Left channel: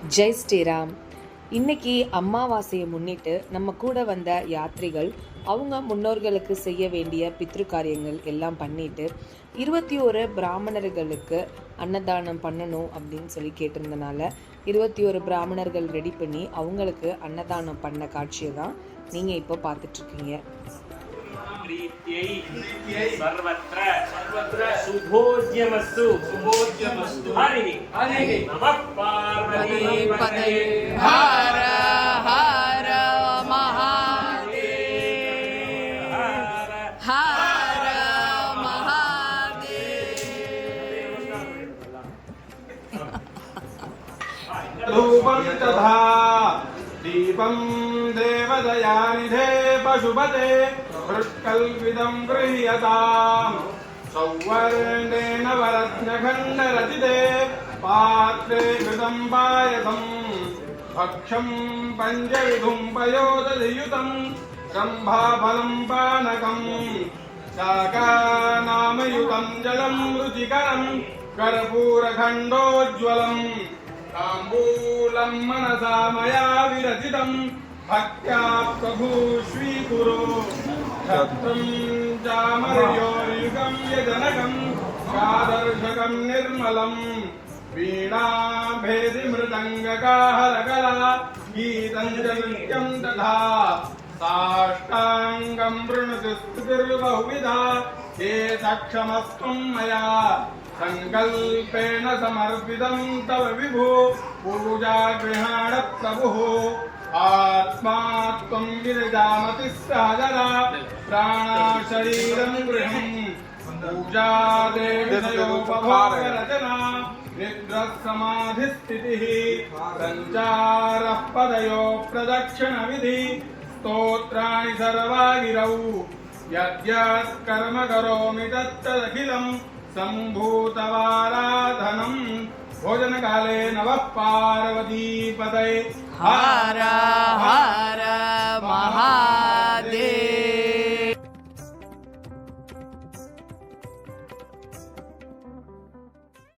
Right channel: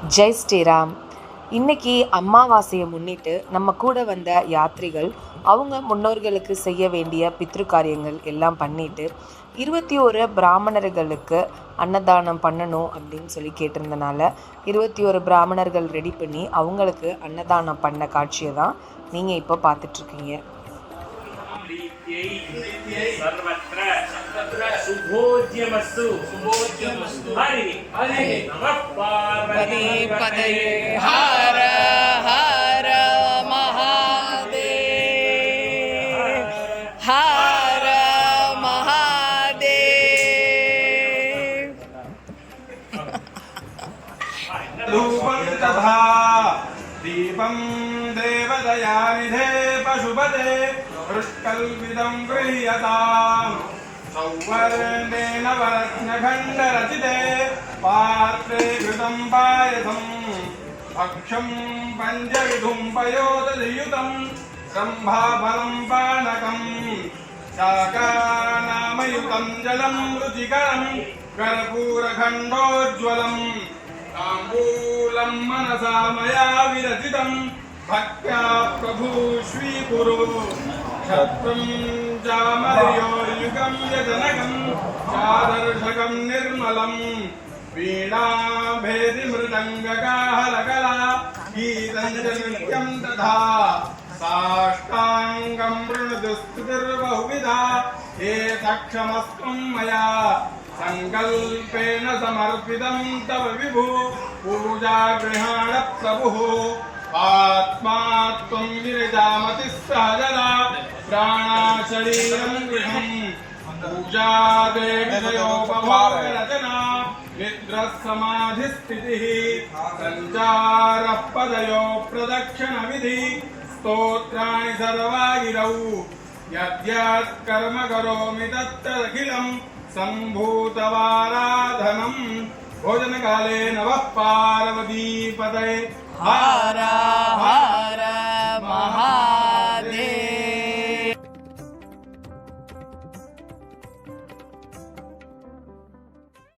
ஜெய் ஸ்ரீராம். இன்னைக்கு அமாவாசையை முன்னிட்டு நம்ம கூட வந்த யாத்ரிகள் அவங்க முன்னோர்களுக்கு செய்ய வேண்டிய பித்ரு காரியங்கள் எல்லாம் பண்ணிட்டு 21 பிராமணர்களுக்கு அன்னதானம் பண்ணணும் அப்படின்னு சொல்லி கேட்டிருந்தனால 21 பிராமணர்கள் ரெடி பண்ணி அவங்களுக்கு அன்னதானம் பண்ண காட்சியை தான் நீங்கள் இப்போ பார்த்துட்ருக்கீங்க. शुभोज्यमस्तु शुभोज्यमस्तु हरि हरि नमः पार्वती पतये हर हर महादेव हर महादेव. रूपं तथा दीपं देवदयानिधे पशुपते हृत्कल्पितं गृह्यताम् सौवर्णेन वरत्नखण्डरचिते पात्रे घृतं पायसम् भक्षं पञ्चविधुं पयोदधियुतं सम्भाफलं पानकम् शाकानामयुतं जलं रुचिकरं कर्पूरखण्डोज्ज्वलम् ताम्बूलं मनसा मया विरचितं भक्त्या प्रभु श्रीगुरु क्षत्रं जामर्योर्युगं यजनकं शादर्शकं निर्मलं वीणाभेदिमृदङ्गकाहलकला गीतं च नृत्यं तथा साष्टाङ्गं वृणुतिस्तुतिर्बहुविधा ये सक्षमस्त्वं मया संकल्पेन समर्पितं तव विभु पूजा गृहाण प्रभुः आत्मा त्वं गिरिजामतिः सहजला प्राणा शरीरं गृहम् पूजा देवयोपभोगरचना निद्रः समाधिस्थितिः सञ्चारः पदयो प्रदक्षिणविधि स्तोत्राणि सर्वा गिरौ यद्यत् कर्म करोमि तत्तदखिलं सम्भूतवाराधनं भोजनकाले नमः पार्वतीपतये हर हर